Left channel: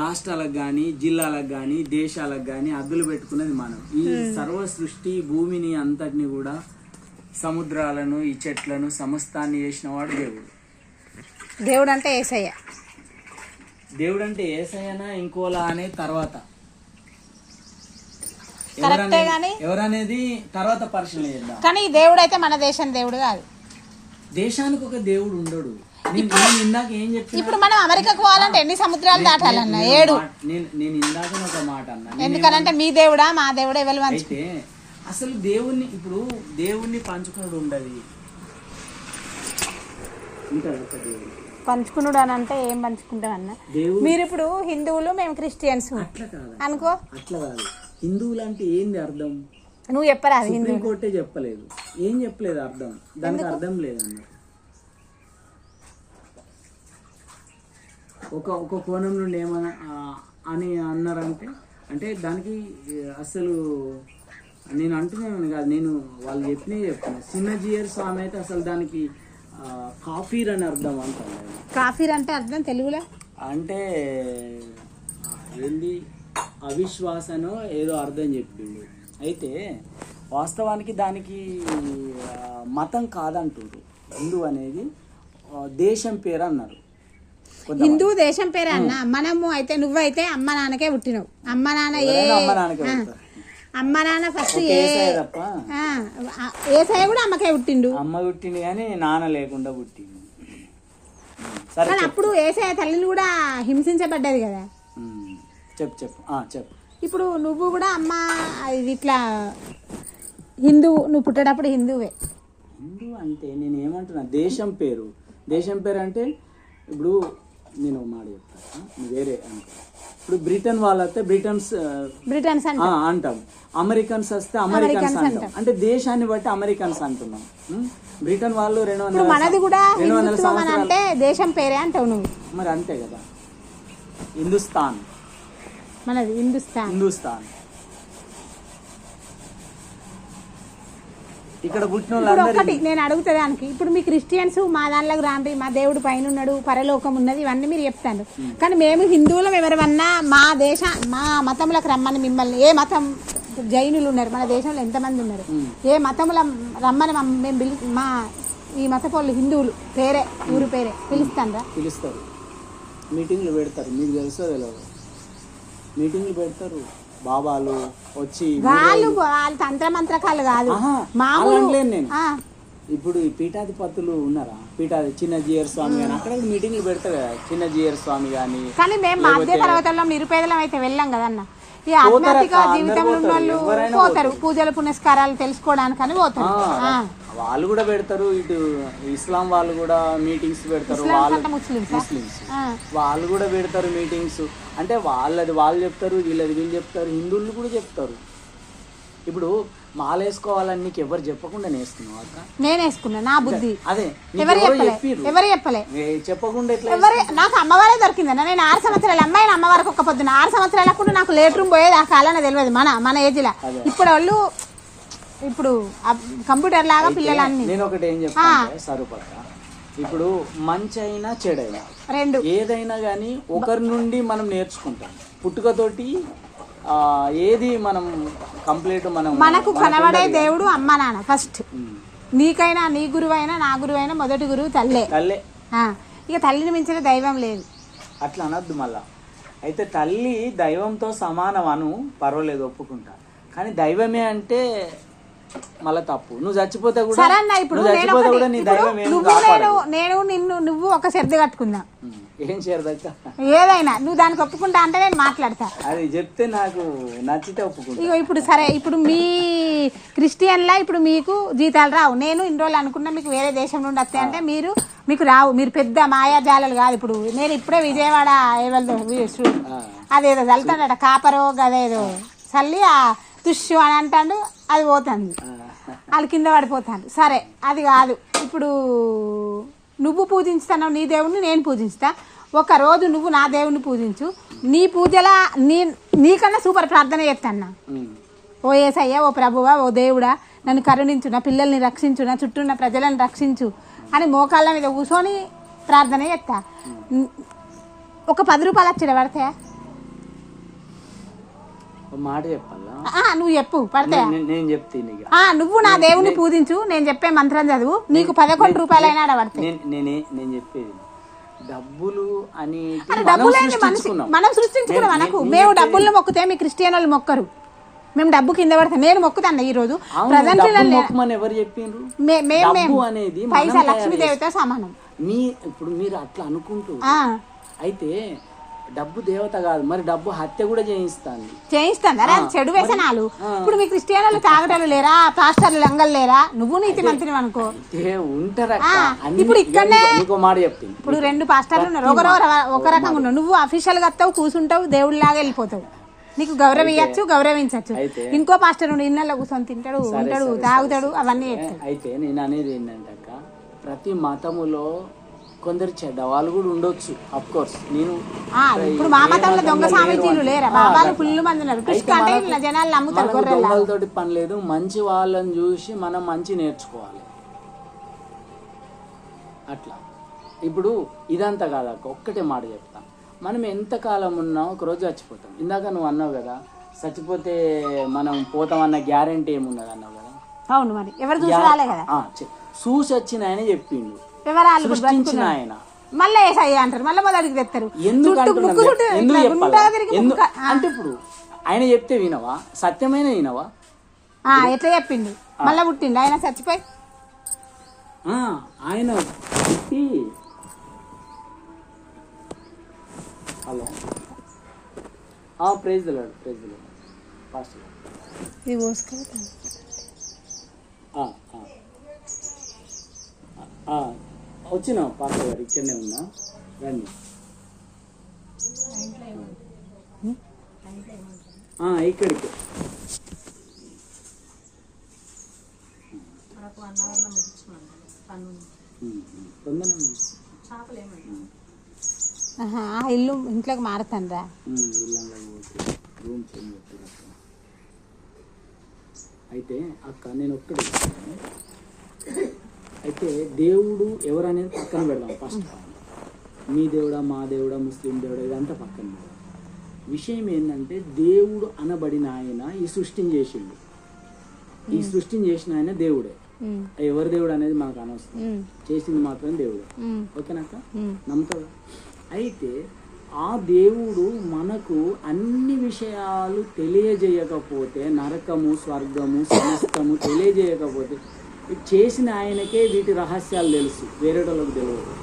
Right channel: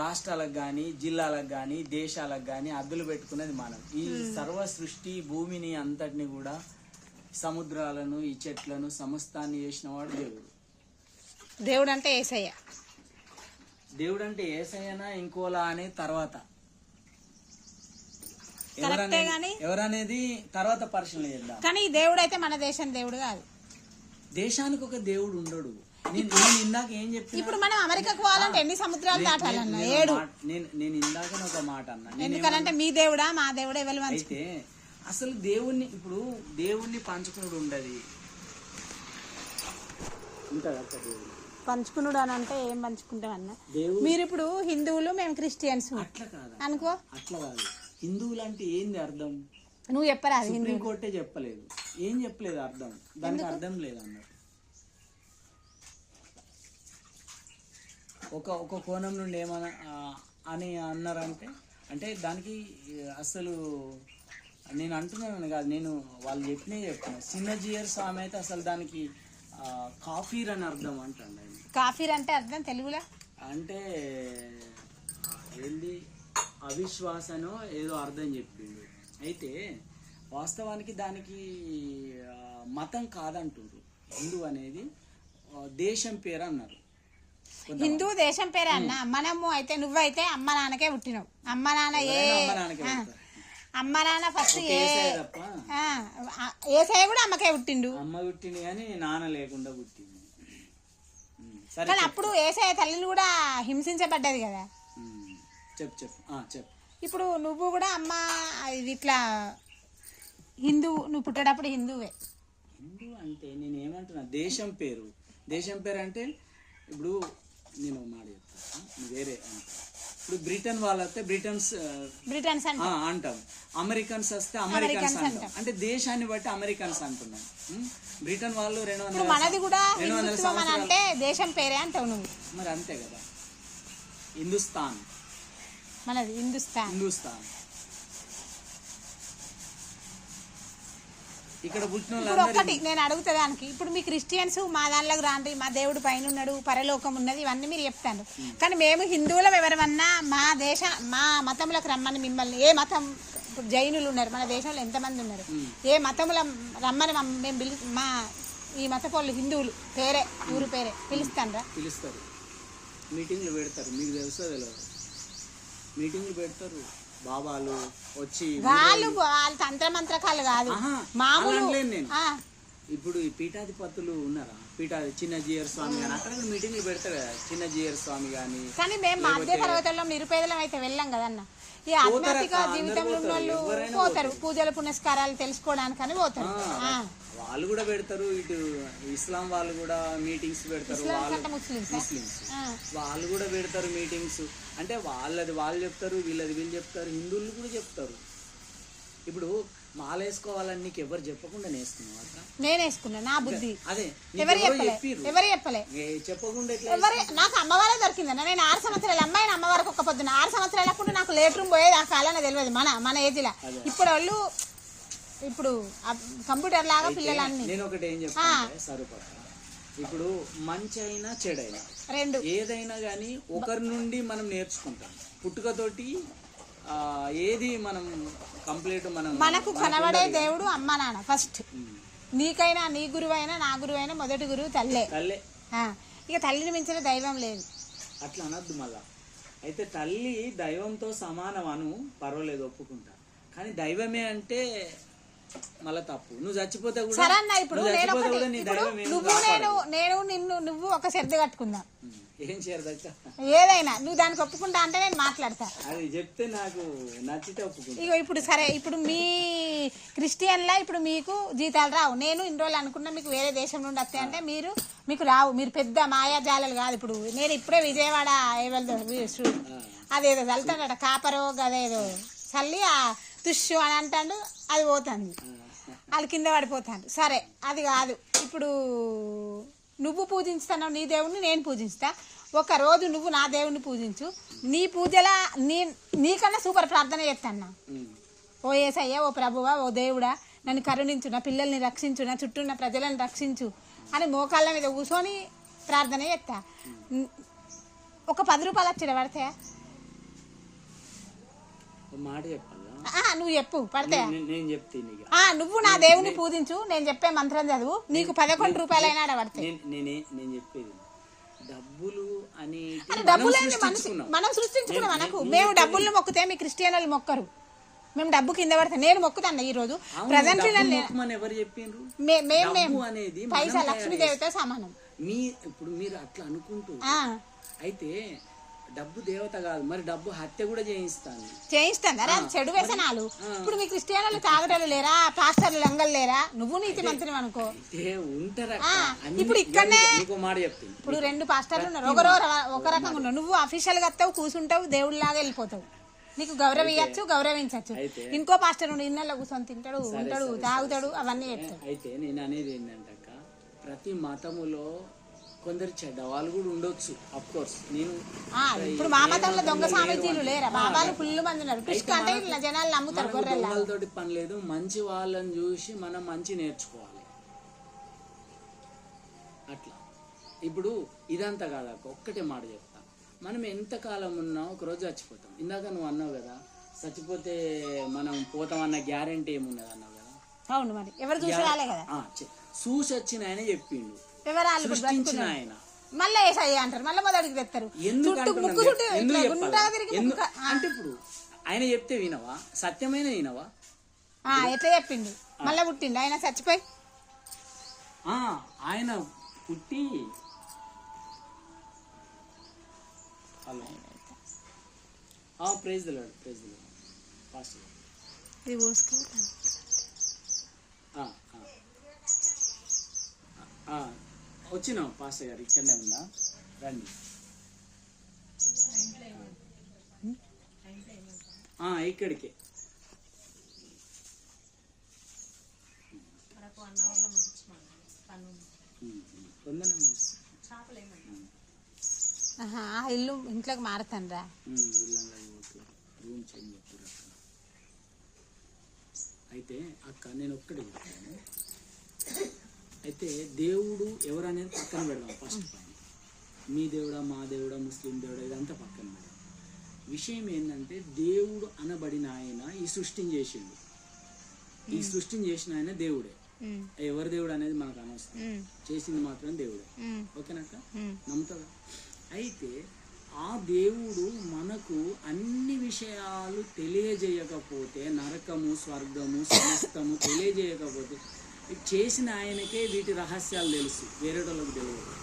రాష్ట్రాలకు కానీ జిల్లాలకు కానీ దేశాలకు కానీ అద్దులు పెట్టుకున్నది మనం. ఈ సర్వ సృష్టి భూమిని అంతటిని కూడా సముద్రాలను ఈ చెట్లను సమస్తాన్ని చేసిన వాడు దేవుడు. దేవుడు అంటే యేసయ్య. దేవుడు అంటే యేసయ్యనా ఇంకోలా అనే తర్వాత ఎవరనేది తర్వాత పరిశీలన చేద్దాం. కానీ దేవుడు అయితే మన దేశం దేవుడు కాదు. దేశానికి ఒక దేవుడు ఉండడు. ఇందాక ఏం చెప్తున్నా, ఇప్పుడు మనం అమెరికాకు పోవాలంటే ఎన్ని సముద్రాలు దాటాలన్నా? 7. నేను ఇందాక ఒక మాట అన్నా. ఎందుకంటే మీ దేవుడా మా దేవుడా ఎవరు? అయితే అసలు దేవుణ్ణి పంచుకున్నాడు ఉండదు. పంచుకున్నాడు అని అంటే ఏం పంచుకుంటాం అన్న? మీరు ఇప్పుడు హిందువులు, మేము క్రిస్టియన్స్ అనుకో. అట్లా కాదు. హిందువులు అంటే ఏంది అర్థం? నువ్వు చెప్పరా? సుప్రీంకోర్టే చెప్పలేదు. ఏం చెప్పలేదు అర్థం. దానికి అర్థం లేదన్న. ఒక కోణం నుండి ఏమన్నా అని అన్నారంటే, అంటే దానికి అసలు నేను అంటున్నాను కాదు, నేను వాళ్ళు చెప్తున్నా. చిన్నజీయర్ స్వామి అయితే అసలు దానికి కాఫీర్ అని అర్థం అంటారు. కాఫీర్ అంటే అర్థం తెలుగులో అంటే ఏంది, అవిశ్వాసనో ఏదో అర్థం చెప్పింది. అయితే వాస్తవానికి దానికి మతం కాదంటారు. హిందూ అనేది దేశం పేరు అన్నారు. హిందూ దేశం పేరే అన్న. మనము అయితే నువ్వైతే అమ్మ నాన్నకే పుట్టినవు. అమ్మ నాన్న ఫస్ట్ ఏసయ్య కూడా అమ్మకే పుట్టిండు. అమ్మ పుట్టింది కానీ నాన్న లేకుండా పుట్టింది. కానీ అప్పుడు ఏసయ్య తల్లిని కూడా హింసించబడ్డది కదా. చెప్పు. ఇప్పుడు నువ్వు కూడా అమ్మ ఇట్లా హిందువు, నువ్వు పుట్టేటప్పుడు హిందువే. హిందూ అంటే నేను ఏమంటున్నా, దేశం పేరు అంటే ఇప్పుడు నేను మాట చెప్తాను, వేరే అనుకో. ఇప్పుడు బ్రిటన్ వాళ్ళు వస్తే బ్రిటన్స్ అంటాం, అమెరికన్స్ వస్తే అమెరికన్స్ అంటాం. అంటే దేశాన్ని బట్టి అమెరికన్స్ అంటున్నాం. బ్రిటన్ వాళ్ళు 200 సంవత్సరాలు దేశం పేరే అంటావు నువ్వు. మరి అంతే కదా. హిందుస్థాన్ మనది హిందుస్థాన్. ఇక్కడ పుట్టిన వాళ్ళందరూ నేను అడుగుతానికి, ఇప్పుడు మీ క్రిస్టియన్స్ మా దానిలోకి రాండి, మా దేవుడు పైన ఉన్నాడు, పరలోకం ఉన్నది, ఇవన్నీ మీరు చెప్తాను. కానీ మేము హిందువులం ఎవరన్నా మా మతంలోకి రమ్మని మిమ్మల్ని, ఏ మతం, జైనులు ఉన్నారు మన దేశంలో, ఎంతమంది ఉన్నారు, ఏ మతంలో రమ్మని మేము మా ఈ మతపోళ్ళు హిందువులు పేరే, ఊరు పేరే పిలుస్తారు. మీటింగ్లు పెడతారు. మీకు తెలుసో తెలియదు, మీటింగ్లు పెడతారు. బాబాలు వచ్చి వాళ్ళు తంత్ర మంత్రకాలు కాదు. నేను ఇప్పుడు ఈ పీఠాధిపతులు ఉన్నారా, చిన్నజీయర్ స్వామి కానీ అక్కడ మీటింగ్లు పెడతారు కదా, చిన్నజీయర్ స్వామి కానీ. కానీ మేము మధ్య తరగతుల్లో నిరుపేదలం అయితే వెళ్ళాం కదన్న. ఈ ఆధ్యాత్మిక జీవితంలో ఉన్న వాళ్ళు పోతారు, పూజలు పునస్కారాలు తెలుసుకోవడానికని పోతారు. వాళ్ళు కూడా పెడతారు. ఇటు ఇస్లాం వాళ్ళు కూడా మీటింగ్స్ పెడతారు. ముస్లిమ్స్ వాళ్ళు కూడా పెడతారు మీటింగ్స్. అంటే వాళ్ళది వాళ్ళు చెప్తారు, వీళ్ళు చెప్తారు, హిందువులు కూడా చెప్తారు. ఇప్పుడు మాల వేసుకోవాలని నీకు ఎవరు చెప్పకుండా వేసుకున్నావు? నేను వేసుకున్నా, నా బుద్ధి. అదే ఎవరు చెప్పలే చెప్పకుండా నాకు అమ్మవారే దొరికిందన్న. నేను 6 సంవత్సరాలు అమ్మాయిని అమ్మవారికి ఒక పొద్దున 6 సంవత్సరాలకు నాకు లేట్ రూమ్ పోయేది. ఆ కాలంలో తెలియదు మన ఏజ్ లా. ఇప్పుడు కంప్యూటర్ లాగా పిల్లలన్నీ. నేను ఒకటి ఏం చెప్తాను సరుపడ, ఇప్పుడు మంచి అయినా చెడైనా రెండు ఏదైనా కానీ ఒకరి నుండి మనం నేర్చుకుంటాం. పుట్టుకతోటి ఏది మనం కంప్లీట్ మనకు కనబడే దేవుడు అమ్మ నాన్న ఫస్ట్. నీకైనా, నీ గురువైనా, నా గురువైనా మొదటి గురువు తల్లే. ఇక తల్లిని మించిన దైవం లేదు. అట్లా అనద్దు మళ్ళా. అయితే తల్లి దైవంతో సమానం అను, పర్వాలేదు, ఒప్పుకుంటా. కానీ దైవమే అంటే మళ్ళా తప్పు. నువ్వు చచ్చిపోతే కూడా నువ్వు ఒక శ్రద్ధ కట్టుకుందా, ఏం శ్రద్ధ ఏదైనా నువ్వు దానికి ఒప్పుకుంటా అంటే నేను మాట్లాడతా. అది చెప్తే నాకు నచ్చితే ఒప్పుకుంటా. ఇప్పుడు సరే, ఇప్పుడు మీ క్రిస్టియన్లా ఇప్పుడు మీకు జీతాలు రావు. నేను ఇన్ని రోజులు అనుకున్నా మీకు వేరే దేశం నుండి వస్తాయి అంటే మీకు రావు. మీరు పెద్ద మాయాజాలాలు కాదు. ఇప్పుడు నేను ఇప్పుడే విజయవాడ అదేదో చల్లుతాడట కాపరో గదేదో చల్లి ఆ తుష్యు అని అంటాడు, అది పోతుంది, వాళ్ళు కింద పడిపోతాడు. సరే, అది కాదు. ఇప్పుడు నువ్వు పూజించుతావు నీ దేవుణ్ణి, నేను పూజించుతా. ఒక రోజు నువ్వు నా దేవుణ్ణి పూజించు. నీ పూజలా నీకన్నా సూపర్ ప్రార్థన చేస్తాను. ఓ యేసయ్య, ఓ ప్రభువా, ఓ దేవుడా, నన్ను కరుణించు, నా పిల్లల్ని రక్షించు, నా చుట్టూ ఉన్న ప్రజలను రక్షించు అని మోకాళ్ళ మీద కూర్చొని ప్రార్థన చేస్తా. ఒక 10 రూపాయలు వచ్చాడు పడతాయా? ఒక మాట చెప్పాలా? నువ్వు చెప్పు పడతాయా? నేను చెప్తాను ఇక. నువ్వు నా దేవుని పూజించు, నేను చెప్పే మంత్రం చదువు, నీకు 11 రూపాయలైనా పడతాయి. నేను చెప్పేది డబ్బులు అనేది మనం సృష్టించుకున్నాం. మనకు మేము డబ్బులు మొక్కుతే మీ క్రిస్టియన్ వాళ్ళు మొక్కరు. మేము డబ్బు కింద పడతాం. నేను మొక్కుతాను ఈ రోజు ప్రజెంట్ ఎవరు చెప్పిండ్రు? అనేది పైసా లక్ష్మీదేవితో సమానం. ఇప్పుడు మీరు అట్లా అనుకుంటూ అయితే డబ్బు దేవత కాదు, మరి డబ్బు హత్య కూడా చేయిస్తాను. అరే చెడు వ్యసనాలు. ఇప్పుడు మీ క్రిస్టియన్లు తాగటాలు లేరా? పాస్టర్లు లంగలు లేరా? నువ్వు నీతి మంత్రి అనుకో ఉంటారా? ఇప్పుడు ఇక్కడనే మాట చెప్తాను. ఇప్పుడు 2 పాస్టర్లు ఉన్నారు, ఒక రకంగా ఉన్నావు. నువ్వు అఫీషియల్ గా వస్తావు, కూర్చుంటావు, దేవుడిలాగా వెళ్ళిపోతావు. నీకు గౌరవించచ్చు, గౌరవించచ్చు. ఇంకో పాస్టర్ ఇళ్ళలో కూర్చొని తింటాడు, ఉంటాడు, తాగుతాడు, అవన్నీ చెప్తాడు. అయితే నేను అనేది ఏంటంటే ప్రతి మతములో కొందరు చెడ్డవాళ్ళు కూడా ఉండొచ్చు. అఫ్ కోర్స్ నేను ఇప్పుడు మా మతంలో దొంగ స్వామీజీలు లేరా? బాబాలు ఫుల్ మంది ఉన్నారు. జనాలు నమ్ముతారు. దొంగలతోటి పని లేదు. మంచి వాళ్ళని చూసి మనం మంచి నేర్చుకోవాలి. అట్లా ఇప్పుడు ఇదంతా కాదక్క, ఒక్కటే మాట చెప్తాను. మనం ఎంతకాలం ఉన్నా ఒకరోజు చచ్చిపోతాం. ఇందాక నువ్వు అన్నావు కదా, చచ్చిపోతే మనం పోతామన్న గ్యారంటీ ఏమున్నది అన్నావు కదా. అవును, మరి ఎవరు చూసి రాలే కదా. చూసి వచ్చిన ఆయన చెప్పిండు, సృష్టించిన ఆయన. మళ్ళీ ఏసయ్య అంటారు, మళ్ళీ మొదటికి తెస్తారు. అంటే ఇప్పుడు ఆయన చెప్తే వినవా? సత్యమైన వినవా? ఎట్లా చెప్పిండు? మళ్ళీ పుట్టిండు ఆయన చచ్చిపోయి. ఆయన పుట్టి hello praise the Lord, praise the Lord pastor. వచ్చినా పాస్టర్ గారు, ఇక్కడనే ఉన్నా, రండి. ఇక్కడికి ఇల్లు ఇంట్లోకి మారుతాను. అయితే అక్క నేను ఒక్కడే. అయితే దేవుడు ఎవరనేది పక్కన పెడదాం ఫస్ట్. మీ దేవుడా, మా దేవుడా, ముస్లిం దేవుడా, ఇదంతా పక్కన పెడదాం. విషయం ఏంటంటే దేవుడు అనబడిన ఆయన ఈ సృష్టిని చేసిండు. ఈ సృష్టిని చేసిన ఆయన దేవుడే. ఎవరి దేవుడు అనేది మనకు అనవసరం, చేసింది మాత్రం దేవుడు. ఓకేనాక? నమ్ముతావా? అయితే ఆ దేవుడు మనకు అన్ని విషయాలు తెలియజేయకపోతే, నరకము స్వర్గము సమస్తము తెలియజేయకపోతే, చేసిన ఆయనకే వీటి రహస్యాలు తెలుసు, వేరేటోళ్ళకి తెలియదు.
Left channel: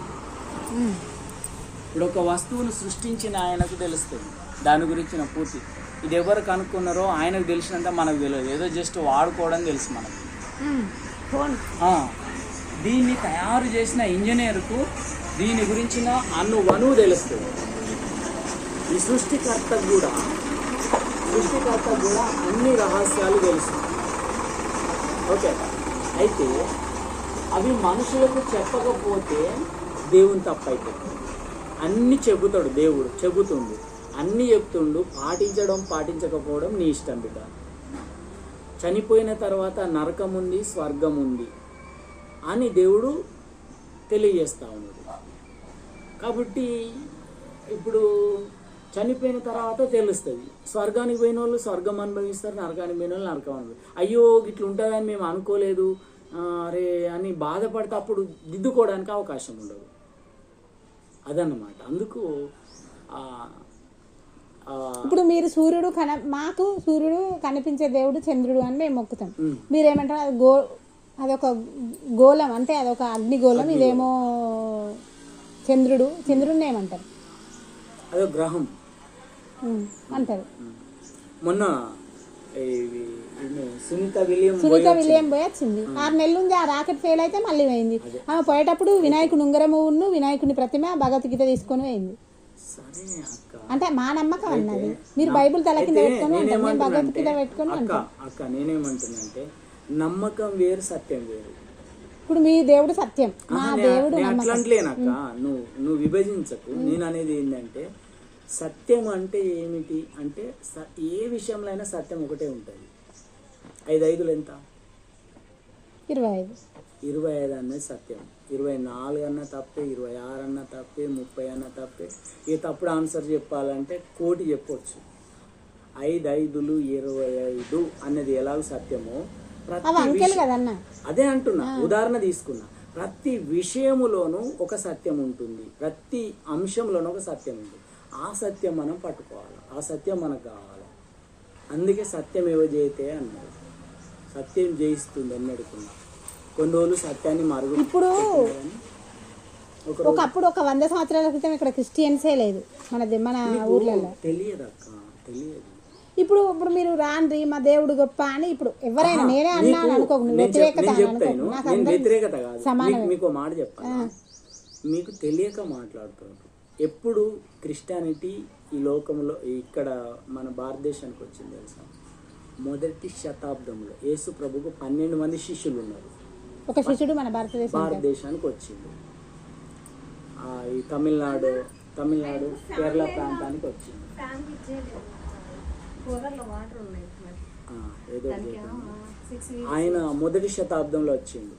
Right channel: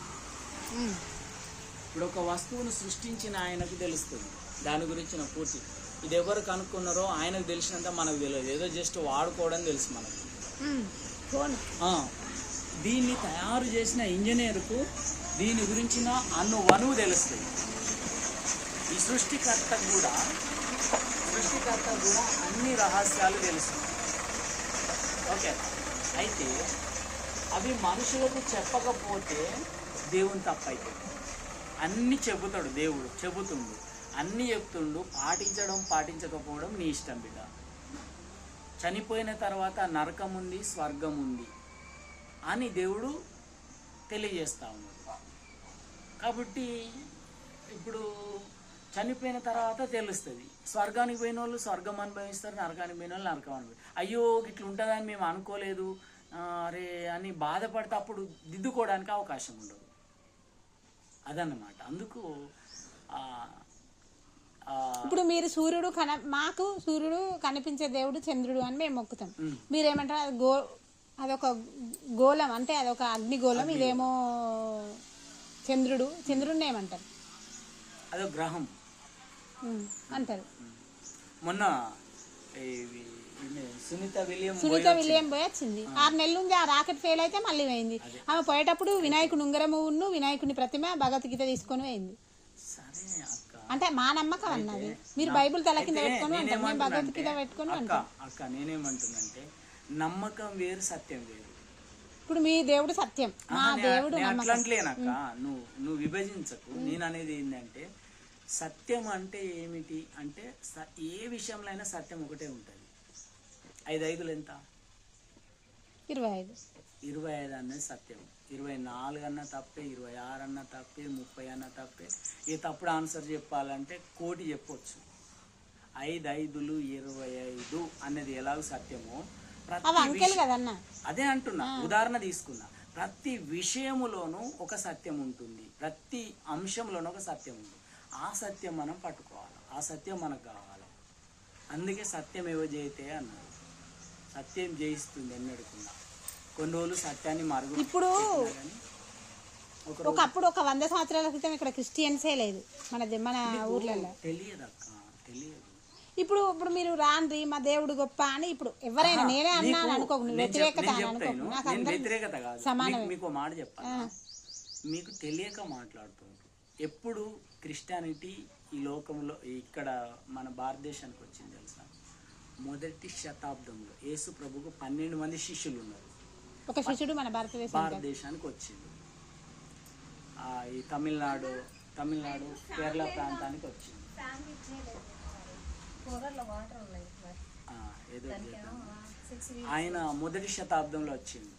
ఇప్పుడు ఒక వస్తువును సృష్టించిన ఆయనకు తెలుస్తుంది దాని గురించిన పూర్తి. ఇది ఎవరు కనుక్కున్నారో ఆయనకు తెలిసినంత మనకు తెలియదు. ఏదో జస్ట్ వాడుకోవడం తెలుసు మనకు. దీన్ని తయారు చేసిన ఇంజనీర్కు దీని గురించిన అణువణువు తెలుస్తుంది. ఈ సృష్టికర్తకు కూడా అన్ని రహస్యాలు తెలుసు. ఓకే. అయితే అవి మనుషులకు చెప్పకపోతే దేవుని తప్పైపోతుంది. అన్ని చెబుతాడు దేవుడు, చెబుతుండు, అన్ని చెప్తుండు. పాటించకపోవడం నీ ఇష్టం బిడ్డ. చనిపోయిన తర్వాత నరకం ఉంది, స్వర్గం ఉంది అని దేవుడు తెలియజేస్తా ఉన్నాడు. కాబట్టి ఇప్పుడు చనిపోయిన తర్వాత తెలుస్తుంది. స్వర్గానికి పోయిన వాళ్ళు స్వర్గం అనుభవిస్తారు, నరకానికి పోయిన వాళ్ళు నరకం అనుభవిస్తారు. అయ్యో ఇట్లా ఉంటుందని మేము అనుకోలేదు అరే అని బాధపడితే అప్పుడు దిద్దుకోవడానికి అవకాశం ఉండదు. అదన్నమాట. అందుకు ఇప్పుడు మీరు సూర్యుడు మాకు సూర్యుడు కనిపించే దేవుడు చంద్రుడు అని మేము మొక్కుతాం. మీరేమంటారు? అది అదొక గోళం, అంటే అదొక అగ్నిగోళం, ఇదేమో చంద్రుడిని ఏమంటారు? అదో గ్రహం అంటారు. మొన్న సునీత విలియం పోయి వచ్చింది. 6 నెలలు ఉంది. ఆ రాకెట్ ఫెయిల్ అయితే మళ్ళీ పోయింది. ఆమె పోయేటప్పుడు వినాయకుని ఉంగరమును వినాయకుని ప్రతిమ భగవద్గీత తీసుకొని పోయింది. అంటే మా నమ్మకం అన్నది. మీరు బైబుల్ తల కింద పెట్టుకొని అంటారు, మేము భగవద్గీత పెట్టుకొని అంటాం. అక్క నేనేమంటున్నానంటే నమ్మకం వేరు, సత్యం వేరు. ఇప్పుడు మీ దేవుడు సత్యం, మా దేవుడు అట్లంటలేనక్క. నువ్వు విభజించకు. నేను అనేది ఏంటంటే సత్యం అంటే ఏమిటి అంటే ఏ విషయంలో అయినా సత్యం ఒకటే ఉంటుంది. 5 5 ఎంత? 25. 25 అనేది సత్యం. 24 అన్నా తప్పే, 26 అన్నా తప్పే, 30 అన్నా తప్పే. ఇక తప్పుడు ఆన్సర్ చెప్పాలంటే 1,000,000 చెప్పొచ్చు. 5 5లు 25 అన్నది ఎలాగ సత్యమో అదే అంటున్నా. ఉదాహరణ తీసుకున్నా. ప్రతి విషయములోనూ ఒక సత్యం ఉంటుంది, ప్రతి అంశంలోనూ ఒక సత్యం ఉంటుంది. ఆ సత్యం మనం పట్టుకోవాలి, ఆ సత్యం మనకు కావాలి. అందుకే సత్యం ఏవో జయితే అన్నారు, సత్యం జయిస్తుంది అని అడుగుతున్నా. కొన్ని రోజులు సత్యాన్ని మరుగు. ఇప్పుడు ఒకప్పుడు ఒక 100 సంవత్సరాల క్రితం ఇక్కడ క్రిస్టియన్సే లేదు మన ఊర్లలో. తెలియదు అక్క, తెలియదు. ఇప్పుడు మీరు రాండ్రి మా దేవుడు గొప్ప అని ఇప్పుడు ఎవరైనా, నేనే అన్నాను అనుకోకు, నువ్వు వ్యతిరేకత అనుకోకు, నాకు వ్యతిరేకత కాదు. సమానం. మీకు మాట చెప్పాలి, మీకు తెలియక మాట్లాడుతున్నారు. ఎప్పుడు క్రిస్టియానిటీ ఈ లోకంలో ఇక్కడ మన భారతదేశానికి వచ్చింది తెలుసా? మొదటి శతాబ్దంలో యేసు ప్రభుకు 12 మంది శిష్యులు ఉన్నారు. ఒక శిష్యుడు మన భారతదేశానికి వచ్చింది. ఈ తమిళనాడు కేరళ ప్రాంతానికి వచ్చింది. ఆయన మొదటి శతాబ్దంలో వచ్చింది.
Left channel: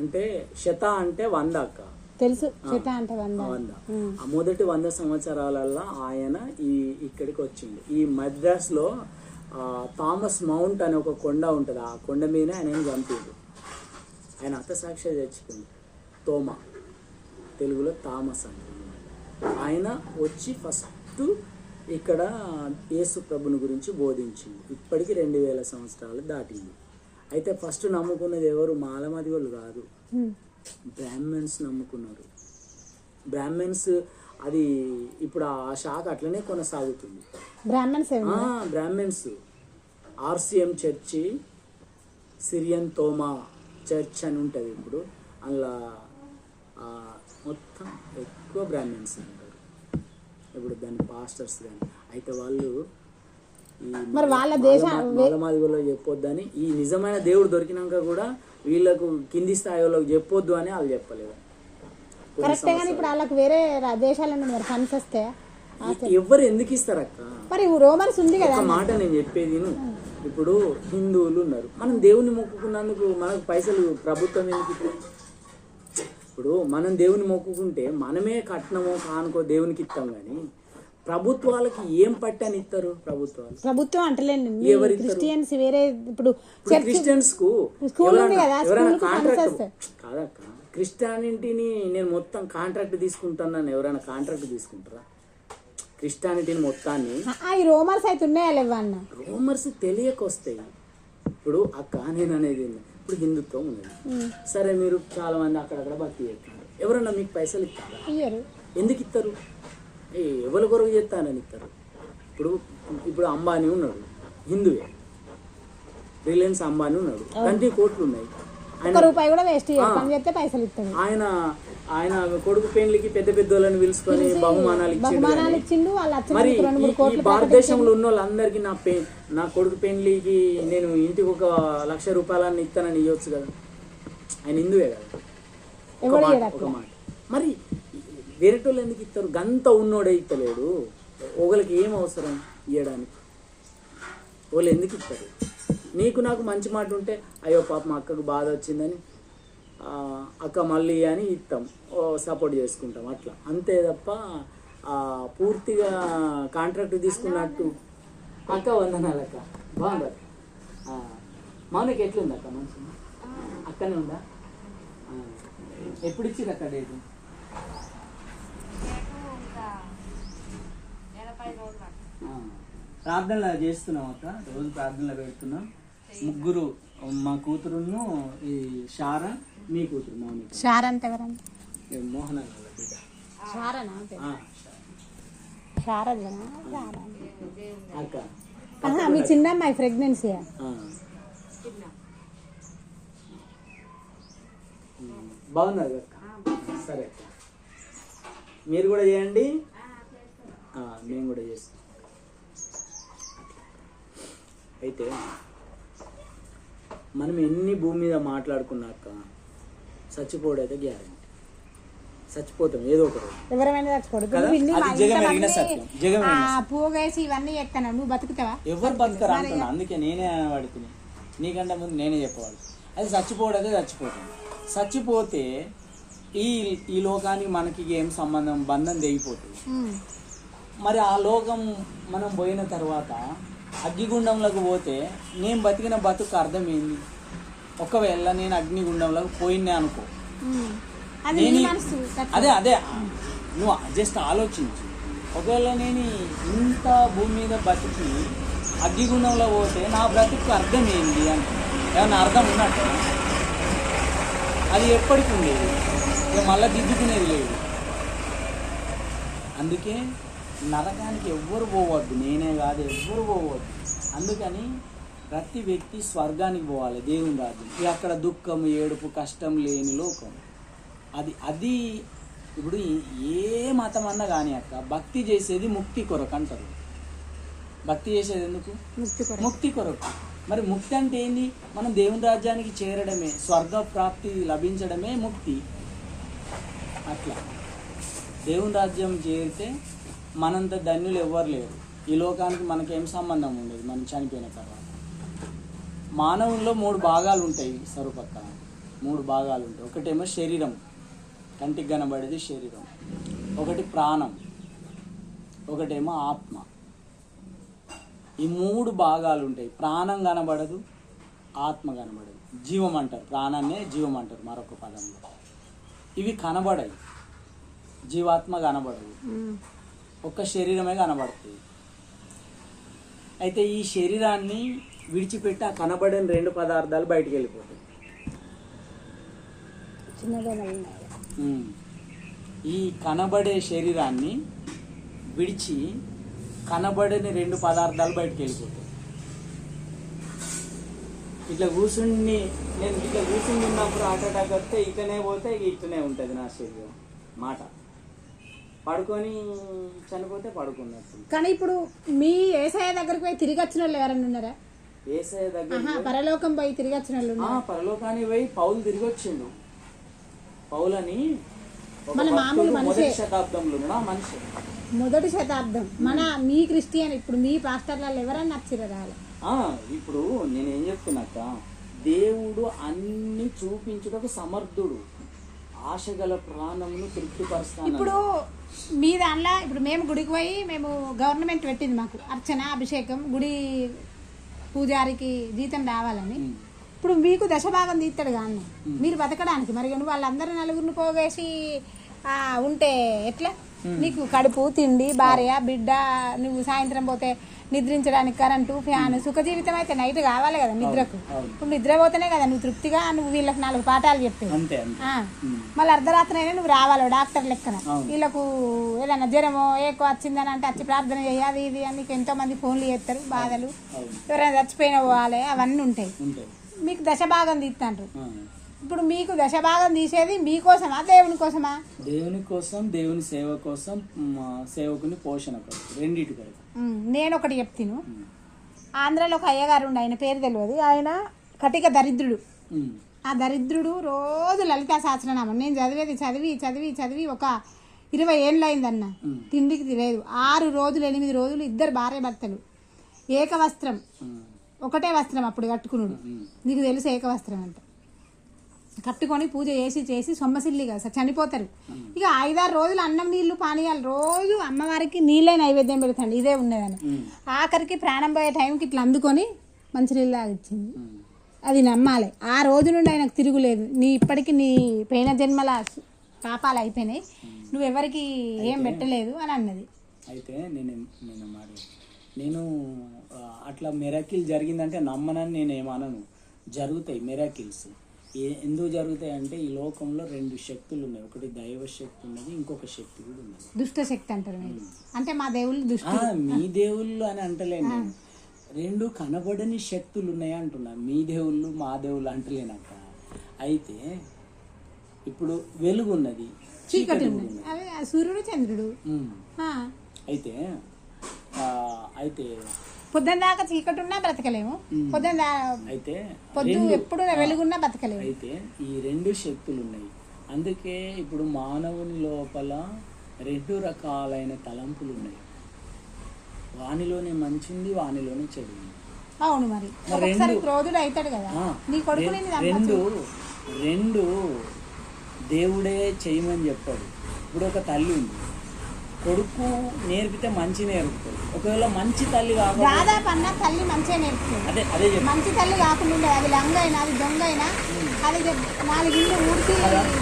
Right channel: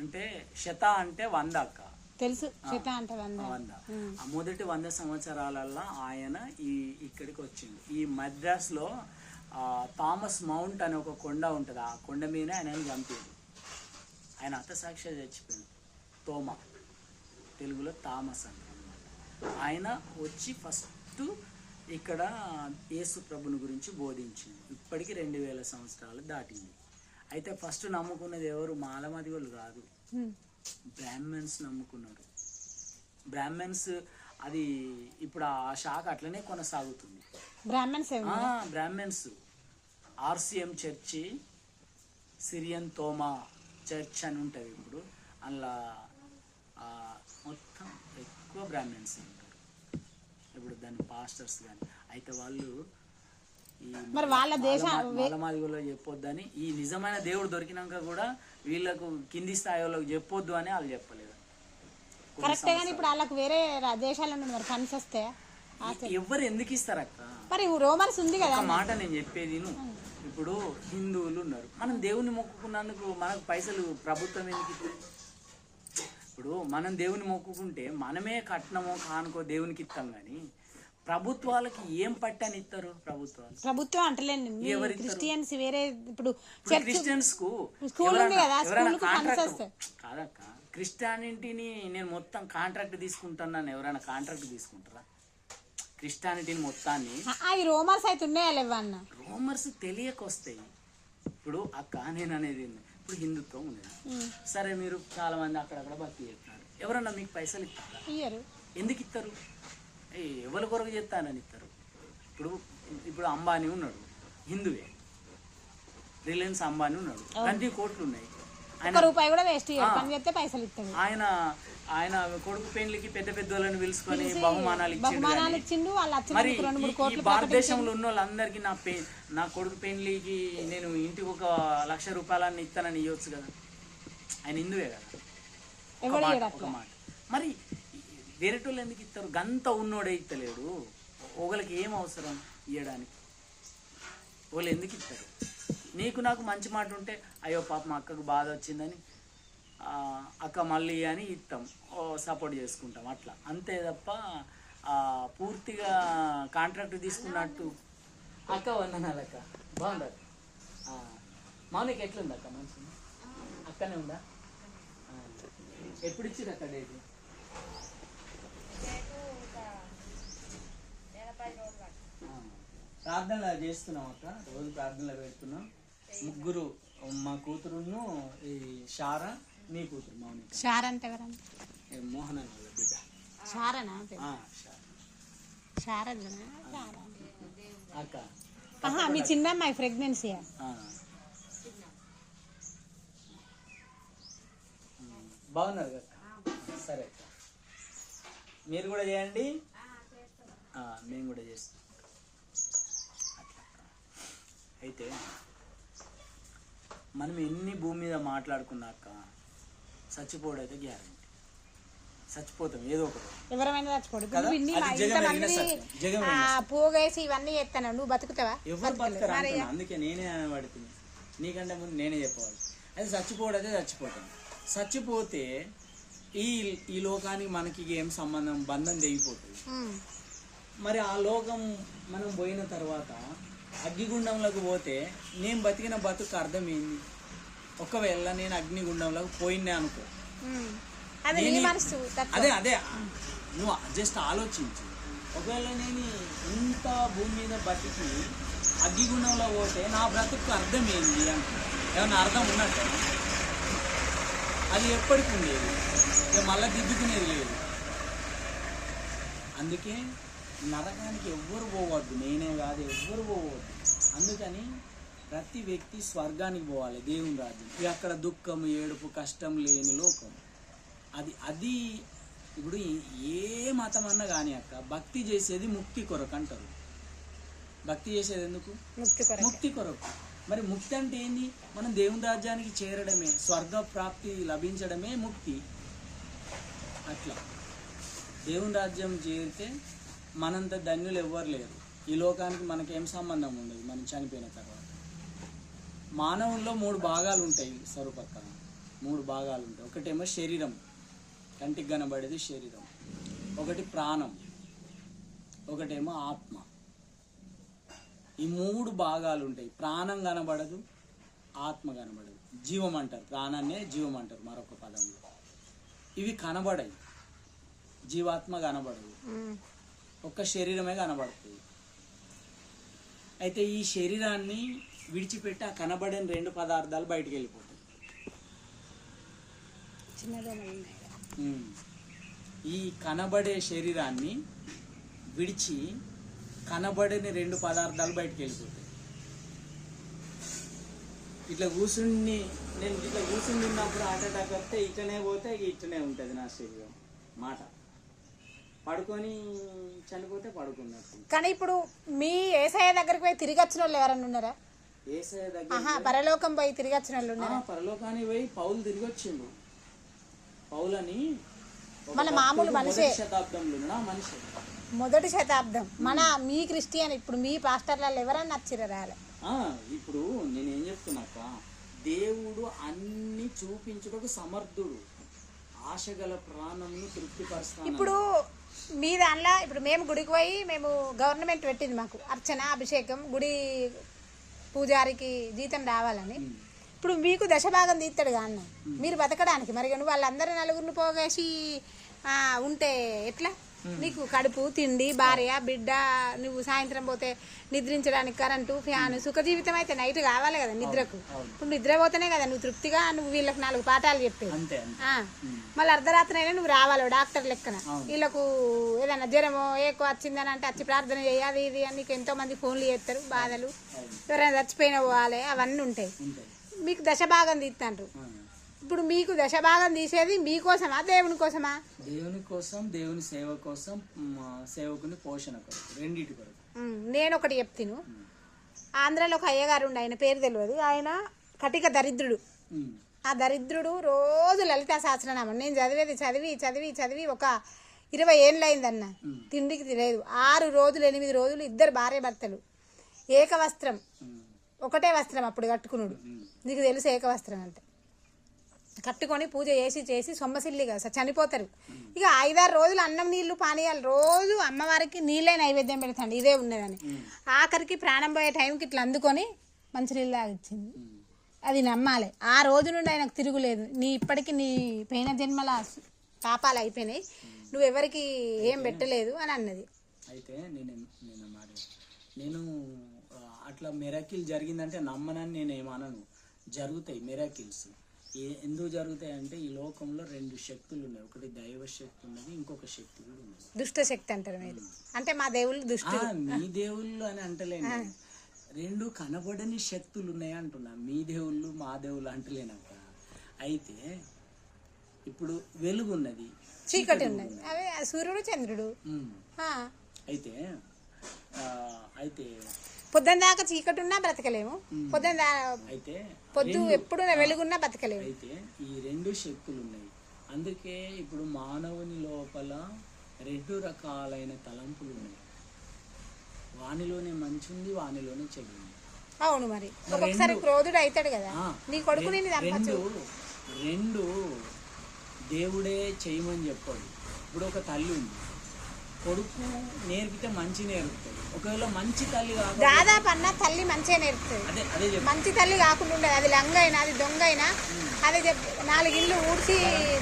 అంటే శత అంటే 100 అక్క, తెలుసు. శత అంటే 100. ఆ మొదటి 100 సంవత్సరాలలో ఆయన ఇక్కడికి వచ్చింది. ఈ మద్రాస్ లో థామస్ మౌంట్ అనే ఒక కొండ ఉంటుంది. ఆ కొండ మీద ఆయన చంపాడు. ఆయన హతసాక్షి చచ్చిపోయింది. తోమా, తెలుగులో థామస్ అంటుంది. ఆయన వచ్చి ఫస్ట్ ఇక్కడ యేసు ప్రభుని గురించి బోధించింది. ఇప్పటికి 2000 సంవత్సరాలు దాటింది. అయితే ఫస్ట్ నమ్ముకున్నది ఎవరు? మాలమాది వాళ్ళు కాదు, బ్రాహ్మణ్స్ నమ్ముకున్నారు. బ్రాహ్మణ్స్ అది ఇప్పుడు ఆ శాఖ అట్లనే కొనసాగుతుంది. బ్రాహ్మణ్స్ ఆర్సిఎం చర్చి, సిరియన్ తోమా చర్చ్ అని ఉంటుంది. ఇప్పుడు అలా మొత్తం ఎక్కువ బ్రాహ్మణ్స్ ఉంటారు. ఇప్పుడు దాని పాస్టర్స్ కానీ. అయితే వాళ్ళు మరి వాళ్ళ మాలమాదిగోలో చెప్పొద్దని, ఈ నిజమైన దేవుడు దొరికినాక కూడా వీళ్ళకు కింది స్థాయి వాళ్ళకి చెప్పొద్దు అని వాళ్ళు చెప్పలేదు. కరెక్టే. కానీ ఇప్పుడు వాళ్ళకి వేరే దేశాల నుండి మరి ఫండ్స్ వస్తే ఎవరు ఎందుకు ఇస్తారు అక్క? మరి రోమన్స్ ఉంది కదా. మాట నేను చెప్పేది, ఇప్పుడు హిందువులు ఉన్నారు, మనం దేవుని మొక్కుకున్నందుకు మనకు పైసలు ప్రభుత్వం ఎందుకు ఇస్తుంది? ఇప్పుడు మనం దేవుని మొక్కుకుంటే మనమే కట్నమో కానుకో దేవునికి ఇస్తాం. కానీ ప్రభుత్వాలకి ఏం పట్టని ఇస్తారు? ప్రభుత్వం అంటలేండి, క్రిస్టియన్స్ వేరే. ఇప్పుడు క్రిస్టియన్స్ కు స్కూల్ ఉంది కదా, కాదక్క. క్రిస్టియానిటీని నేను మొత్తం కాంట్రాక్ట్ తీసుకుంటున్నాను. ఎవరైనా కాంట్రాక్ట్ తీసుకుంటారా క్రిస్టియానిటీని మొత్తాన్ని? ఈ రోమర్స్ అయితే ఉన్నాయా లేవన్న? రోమర్స్ తెలియక వస్తాయి. ఇప్పుడు అక్క నేను అనేది ఇప్పుడు హిందుత్వం ఉంది, సరే మీరు చాలా మంది అక్కడక్కడ భక్తి చేస్తారు. ఎవరన్నా మీకు పైసలు ఇస్తారు? ఎందుకు ఇస్తారు? ఎవరి కొరకు చేస్తానని ఇస్తారు. ఇప్పుడు అంబానీ ఉన్నాడు, హిందువే. రిలయన్స్ అంబానీ ఉన్నాడు, 20 కోట్లు ఉన్నాయి. రూపాయి కూడా వేస్ట్ పని చేస్తే పైసలు ఇస్తాడు. ఆయన కొడుకు పెళ్లికి పెద్ద పెద్ద వాళ్ళని పిలుచుకొని బహుమానాలు ఇచ్చిండు. భారతదేశంలో ఉన్న వాళ్ళందరికీ నా కొడుకు పెళ్లికి నేను ఇంటికి 1,00,000 రూపాయలని ఇస్తానని ఇవ్వచ్చు కదా. ఆయన హిందువే కదా. మరి వేరేటోళ్ళు ఎందుకు ఇస్తారు? గంత ఉన్నోడే ఇస్తలేడు. ఒకరికి ఏం అవసరం ఇవ్వడానికి? వాళ్ళు ఎందుకు ఇస్తారు? నీకు నాకు మంచి మాట ఉంటే అయ్యో పాప మా అక్కకు బాధ వచ్చిందని అక్క మళ్ళీ అని ఇస్తాం, సపోర్ట్ చేసుకుంటాం, అట్లా అంతే తప్ప పూర్తిగా కాంట్రాక్ట్ తీసుకున్నట్టు. అక్క వందనాలు అక్క, బాగుంది. మౌనికి ఎట్లుంది అక్క? మంచి అక్కనే ఉందా? ఎప్పుడు ఇచ్చిర్రు అక్క డేటు? ప్రార్థనలు చేస్తున్నాం అక్క, రోజు ప్రార్థనలు పెడుతున్నాం. ముగ్గురు, మా కూతురును ఈ షారా, మీ కూతురు మౌనిక. షారా అంటే ఎవరండి? మోహన అక్క. మీ చిన్నమ్మాయి ప్రెగ్నెన్సీ బాగున్నారు అక్క. సరే మీరు కూడా చేయండి, మేము కూడా చేస్తాం. అయితే మనం ఎన్ని భూమి మీద మాట్లాడుకున్నాక చచ్చిపోవడైతే గ్యారెంటీ. చచ్చిపోతాం ఏదో ఒకటి, ఎవరైనా చచ్చిపోడు. పోగేసి ఇవన్నీ చెప్తాను, నువ్వు బతుకుతావా? ఎవరు బతుకుతారు అంటున్నా. అందుకే నేనే పడుతున్నాను, నీకంటే ముందు నేనే చెప్పవాలి. అది చచ్చిపోవడైతే చచ్చిపోతాం. చచ్చిపోతే ఈ ఈ లోకానికి మనకి ఏం సంబంధం, బంధం తెగిపోతుంది. మరి ఆ లోకం మనం పోయిన తర్వాత అగ్నిగుండంలోకి పోతే నేను బతికిన బతుకు అర్థం ఏంది? ఒకవేళ నేను అగ్నిగుండంలోకి పోయినా అనుకో, అదే అదే నువ్వు జస్ట్ ఆలోచించు. ఒకవేళ నేను ఇంత భూమి మీద బతికి అగ్నిగుండంలో పోతే నా బ్రతుకు అర్థం ఏంది అంటే ఏమన్నా అర్థం ఉన్నట్టు? అది ఎప్పటికి ఉండేది, ఇక మళ్ళీ దిద్దుకునేది లేదు. అందుకే నరకానికి ఎవ్వరు పోవద్దు, నేనే కాదు ఎవ్వరు పోవద్దు. అందుకని ప్రతి వ్యక్తి స్వర్గానికి పోవాలి, దేవుని రాజ్యం. ఇక అక్కడ దుఃఖము, ఏడుపు, కష్టం లేని లోకం. అది ఇప్పుడు ఏ మతం అన్నా కానీ అక్క భక్తి చేసేది ముక్తి కొరకు అంటారు. భక్తి చేసేది ఎందుకు? ముక్తి కొరకు. మరి ముక్తి అంటే ఏంది? మనం దేవుని రాజ్యానికి చేరడమే, స్వర్గ ప్రాప్తి లభించడమే ముక్తి. అట్లా దేవుని రాజ్యం చేరితే మనంత ధన్యులు ఎవ్వరు లేరు. ఈ లోకానికి మనకేం సంబంధం ఉండదు మనం చనిపోయిన తర్వాత. మానవుల్లో 3 భాగాలు ఉంటాయి సరుపక్క, 3 భాగాలు ఉంటాయి. ఒకటేమో శరీరం, కంటికి కనబడేది శరీరం. ఒకటి ప్రాణం, ఒకటేమో ఆత్మ. ఈ 3 భాగాలు ఉంటాయి. ప్రాణం కనబడదు, ఆత్మ కనబడదు. జీవం అంటారు, ప్రాణాన్నే జీవం అంటారు మరొక పదంలో. ఇవి కనబడాయి, జీవాత్మ కనబడదు, ఒక్క శరీరమే కనబడుతుంది. అయితే ఈ శరీరాన్ని విడిచిపెట్టి ఆ కనబడని 2 పదార్థాలు బయటికి వెళ్ళిపోతాయి. ఈ కనబడే శరీరాన్ని విడిచి కనబడని 2 పదార్థాలు బయటికి వెళ్ళిపోతాయి. ఇట్లా కూర్చుని నేను ఇట్లా కూర్చుని ఉన్నప్పుడు హార్ట్ అటాక్ వస్తే ఇట్లనే పోతే ఇట్లనే ఉంటుంది నా శరీరం. మాట పడుకొని చనిపోతే పడుకున్నట్టు. కానీ ఇప్పుడు మీ ఏసయ్య దగ్గరికి పోయి తిరిగి వచ్చిన వాళ్ళు ఎవరైనా ఉన్నారా? ఏసయ్య దగ్గర పరలోకం పోయి తిరిగి వచ్చిన వాళ్ళు? పరలోకానికి పోయి పౌలు తిరిగి వచ్చిండు. పౌలని మొదటి శతాబ్దంలో మనిషి, మొదటి శతాబ్దం మన మీ క్రిస్టియన్. ఇప్పుడు మీ పాస్టర్లలో ఎవరన్నా నచ్చిరా? ఇప్పుడు నేనేం చెప్తున్నట్ట, దేవుడు అన్ని చూపించుటకు సమర్థుడు, ఆశగల ప్రాణమును తృప్తిపరుస్తాను. ఇప్పుడు మీ దానిలో ఇప్పుడు మేము గుడికి పోయి, మేము గవర్నమెంట్ పెట్టింది మాకు అర్చన, అభిషేకం, గుడి పూజారికి జీతం రావాలని. ఇప్పుడు మీకు దశభాగం తీస్తాడు కానీ మీరు బతకడానికి. మరి నువ్వు వాళ్ళందరూ నలుగురిని పోగేసి ఉంటే ఎట్లా? నీకు కడుపు, తిండి, భార్య, బిడ్డ, నువ్వు సాయంత్రం పోతే నిద్రించడానికి కరెంటు, ఫ్యాన్, సుఖ జీవితం అయితే నైట్ కావాలి కదా నిద్రకు. ఇప్పుడు నిద్ర పోతేనే కదా నువ్వు తృప్తిగా నువ్వు వీళ్ళకి 4 పాఠాలు చెప్పేది. మళ్ళీ అర్ధరాత్రి అయినా నువ్వు రావాలి డాక్టర్ లెక్కన. వీళ్ళకు ఏదైనా జ్వరమో ఏకో వచ్చిందని అంటే వచ్చి ప్రార్థన చేయాలి ఇది అని నీకు ఎంతో మంది ఫోన్లు చేస్తారు, బాధలు, ఎవరైనా చచ్చిపోయినా పోవాలి, అవన్నీ ఉంటాయి. మీకు దశభాగం తీస్తాంటారు. ఇప్పుడు మీకు దశభాగం తీసేది మీకోసమా దేవుని కోసమా? దేవుని కోసం, దేవుని సేవ కోసం, సేవకుని పోషణ కొరకు, రెండింటి కొరకు. నేను ఒకటి చెప్తాను. ఆంధ్రాలో ఒక అయ్యగారు ఉండి, ఆయన పేరు తెలియదు, ఆయన కటిక దరిద్రుడు. ఆ దరిద్రుడు రోజు లలితా సహస్రనామం నేను చదివేది చదివి చదివి చదివి ఒక 20 ఏళ్ళు అయిందన్న. తిండికి లేదు. 6 రోజులు 8 రోజులు 2 భార్య భర్తలు, ఏక వస్త్రం, ఒకటే వస్త్రం అప్పుడు కట్టుకున్నాడు. నీకు తెలుసు ఏక వస్త్రం అంటే. కట్టుకొని పూజ చేసి సొమ్మసిల్లిగా చనిపోతారు. ఇక 5-6 రోజులు అన్నం నీళ్లు పానీయాలు రోజు అమ్మవారికి నీళ్ళే నైవేద్యం పెడతాండి. ఇదే ఉండేదని ఆఖరికి ప్రాణం పోయే టైంకి ఇట్లా అందుకొని మంచినీళ్ళు తాగిచ్చింది. అది నమ్మాలి. ఆ రోజు నుండి ఆయనకు తిరుగులేదు. ఇప్పటికీ నీ పోయిన జన్మల పాపాలు అయిపోయినాయి, నువ్వెవరికి ఏం పెట్టలేదు అని అన్నది. అయితే నేను అట్లా మిరాకిల్ జరిగిందంటే నమ్మనని నేనేమనను. జరుగుతాయి మిరాకిల్స్. ఎందుకు జరుగుతాయి అంటే ఈ లోకంలో 2 శక్తులు ఉన్నాయి. ఒకటి దైవ శక్తి ఉన్నది, ఇంకొక శక్తి కూడా ఉన్నది, దుష్ట శక్తి అంటారు. అంటే మా దేవుళ్ళు దుష్ట, మీ దేవుళ్ళు అని అంటలేను. 2 కనబడని శక్తులు ఉన్నాయి అంటున్నా. మీ దేవుళ్ళు మా దేవుళ్ళు అంటలేనక్క. అయితే ఇప్పుడు వెలుగు ఉన్నది, చీకటి ఉన్నది, సూర్యుడు చంద్రుడు. అయితే పొద్దున దాకా చీకటి ఉన్నా బ్రతకలేము, అయితే పొద్దు ఎప్పుడు వెలుగున్నా బ్రతకలేము. అయితే ఈ 2 శక్తులు ఉన్నాయి. అందుకే ఇప్పుడు మానవుని లోపల 2 రకాలైన తలంపులు ఉన్నాయి. వానిలోనే మంచి ఉంది, వానిలోనే చెడు ఉంది. అవును. మరి ఒకసారి క్రోధుడు అవుతాడు కదా నీ కొడుకు. 2 దేవుడే చేయమని చెప్పాడు. ఇప్పుడు ఒక తల్లి ఉంది, కొడుకు నేర్పితే మంచి నేర్పుతాడు. ఒకవేళ మంచి తల్లి కాకుండా దాదాపు అన్న తల్లి మంచిగా నేర్పుతుంది. అదే మంచి తల్లి కాకుండా ఉండదు. అది లంగైనా అది దొంగైనా అది 4 ఇళ్ళు ఊడ్చి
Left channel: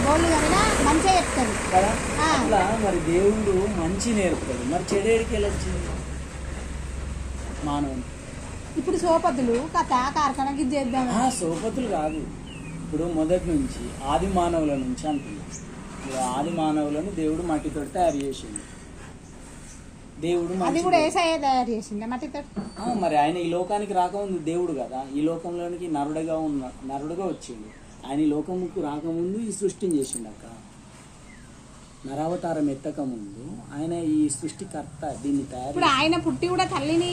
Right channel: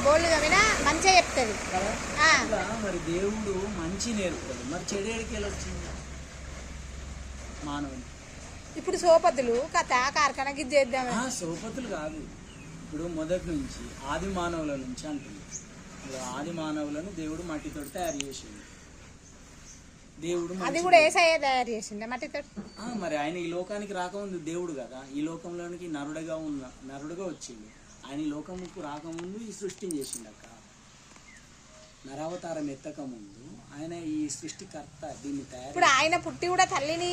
బోళ్ళు కవినా మంచిగా చెప్తాడు కదా. అట్లా మరి దేవుడు మంచి నేర్పుతాడు. మరి చెడేడికి వెళ్ళొచ్చింది మానవుని. ఇప్పుడు సోపతులు కథ కార్ఖానకి చేద్దాం. సోపతులు కాదు, ఇప్పుడు మొదటి నుంచి ఆది మానవుల నుంచి అంటున్నాడు. ఇప్పుడు ఆది మానవులను దేవుడు మట్టితో తయారు చేసిండు. దేవుడు అది కూడా ఏసయ్య తయారు చేసిండు మట్టితో. మరి ఆయన ఈ లోకానికి రాకముందు దేవుడు కదా, ఈ లోకంలోనికి నరుడుగా వచ్చిండు. ఆయన ఈ లోకంకు రాకముందు ఈ సృష్టిని చేసిండు అక్క. నరావతారం ఎత్తక ముందు ఆయన ఈ సృష్టికర్త. దీన్ని తయారు ఇప్పుడు ఆయన పుట్టి కూడా తల్లిని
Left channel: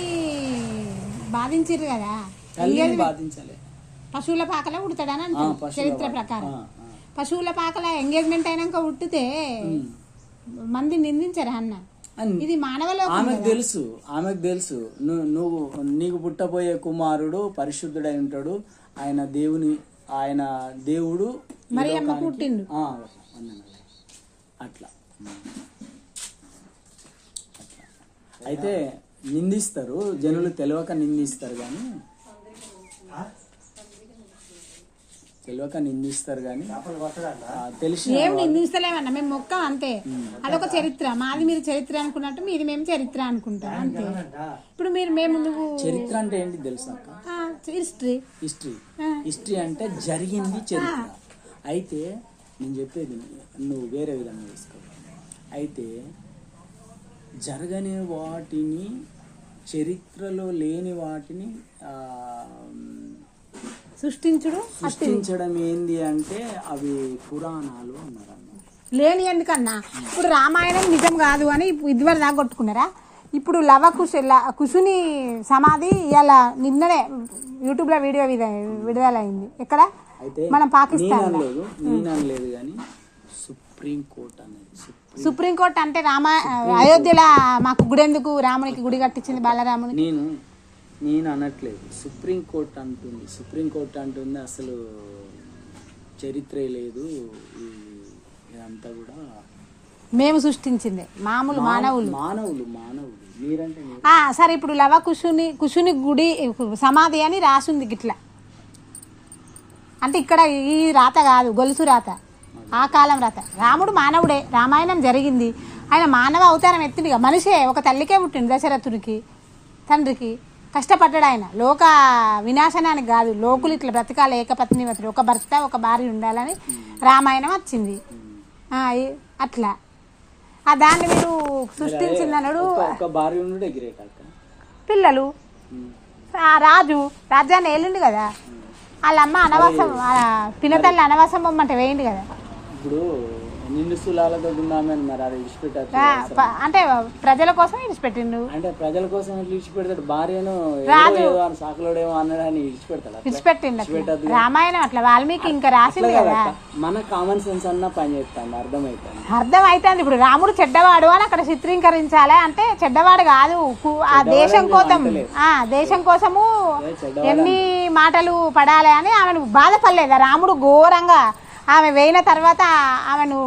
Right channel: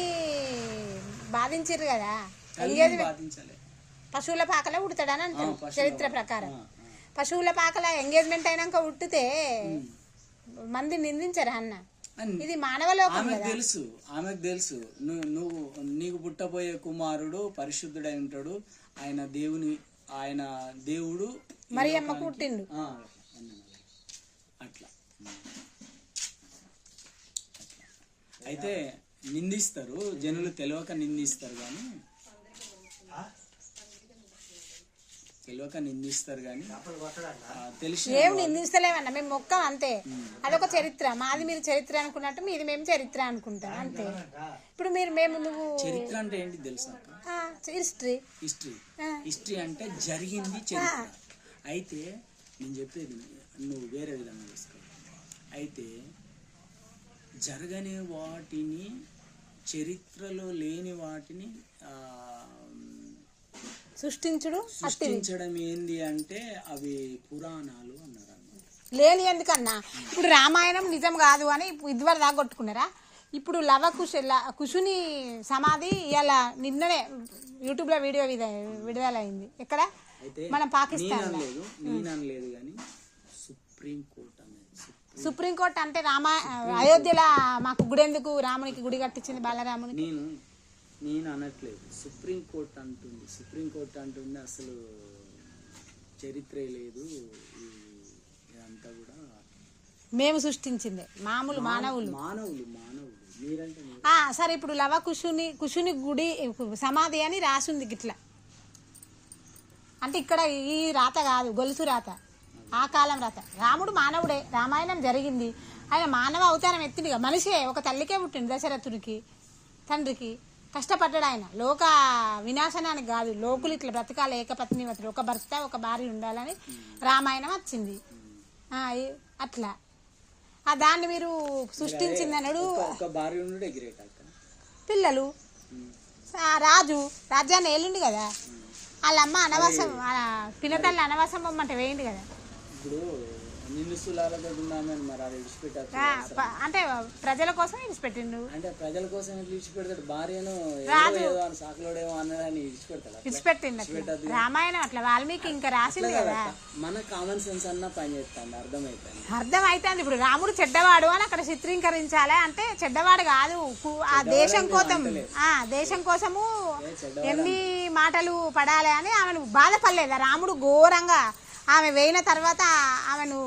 బాధించారు కదా. తల్లిని బాధించాలి. పశువుల పాకలా ఉడతాడని అంటారు చరిత్ర ప్రకారం. పశువుల పాకల ఎంగేజ్మెంట్ అయినాక ఉట్టితే మంది నిందించారా అన్న. ఇది మానవలో ఆమెకు తెలుసు నువ్వు నీకు పుట్టబోయే కుమారుడు పరిశుద్ధుడై ఉంటాడు, ఆయన దేవుడు మరి అమ్మ పుట్టిండు అట్లా. అయితే నిందిస్తారు జనులు, తెలియక నిందిస్తారు కానీ తెలిసి ఏం నిందిస్తలేమన్నా. మేము మొక్కం అంతే, అదొక చరిత్ర. మాది మీరు చరిత్ర అనుకున్నట్టు మీది మేము చరిత్ర అనుకుంటాం అంతే. ఇప్పుడు నువ్వు చరిత్ర అంటే ఏంటి తెలుసా అక్క? హిస్టరీ అంటే జరిగింది చరిత్ర. అయితే నేను చెప్పేది నువ్వు వేరే విధంగా తీసుకో. అయితే జరగని వాటిని, చరిత్రలో లేని వాటిని సృష్టించడం ఏంది అంటే అవి పురాణాలు అన్నారు. లేని ఎందుకన్నా ఇప్పుడు రామాయణం నిజం కాదు అని ఇదివరకు దాకా కొట్టుకున్నారా. ఇప్పుడు కుశుని సమాధి ఇలా నిన్ననే యూట్యూబ్ లో వీడియో విడుదలైంది. ఎక్కడ మనం పాకిస్తాన్ లేదు కానీ సుప్రీంకోర్టు అంటే అయోధ్యలో మాకు గుడి ఎందుకు, రామునికి గుడి కట్టించింది బాలరాముని. నేను అనట్లేదు, సుప్రీంకోర్టు అంటుంది అసలు చరిత్రే లేదు, ఇదంతా కూడా మేము సృష్టించిందే. మానవులు మీరంటే సరే. ఇప్పుడు కుశుని గుడి సమాధి అని రాసుంది గిట్లా. అంటే ఇక్కడ ఈ రాత కాదు, గొలుసు రాత, ఆ కాలం రాత. రాముడు మానవుడే, రామాయణం జరిగింది. ఆయన మానవ అవతారం ఎత్తిందిగా, మనిషే. ఒక తల్లికే పుట్టింది, దశరథుడికి తండ్రికి. కష్టపడ్డాడు ఆయన, లోక వినాశనానికి కాదు, లోకులు ఇట్లా బ్రతకాలి, ఏకపత్నివతుడు, ఒక భర్త ఒక భార్య ఉండాలని రామాయణం వచ్చింది. అట్లా దాన్ని మీరు సృష్టించిందన్నాడు. పిల్లలు రాజ్యాన్ని ఏలిండు కదా, వాళ్ళమ్మ అనవాసం పినతల్లి అనవాసం పొమ్మంటే వేయండి కదా. ఇప్పుడు నిండు స్థూలాలతో ఉన్నామని మరి అది విడిచిపెట్టారు అంటే ప్రజల కోసం విడిచిపెట్టిండు. అంటే ప్రజల కోసం విడిచిపెడతాడు, భార్యను సాకులోడేమో అన్నాడని విడిచిపెట్టిండు. రామాయణం అట్లా వాల్మీకి ఇంకా రాసింది కదా. మన కామన్ సెన్స్ అన్న పని చేస్తాను, అర్థమైతుంది. ఇప్పుడు రాముడు చెడ్డవాడు అని అక్కడ చిత్రీకరించాలి అంటే చెడ్డవాడు కాదు, ఆ దేశం కోసము ఎన్ని మాటలు పడాలి అని ఆమెను బాధపడలేదా రాముడు ఘోరంగా. ఆమె వేయిన తర్వాత ఆమెను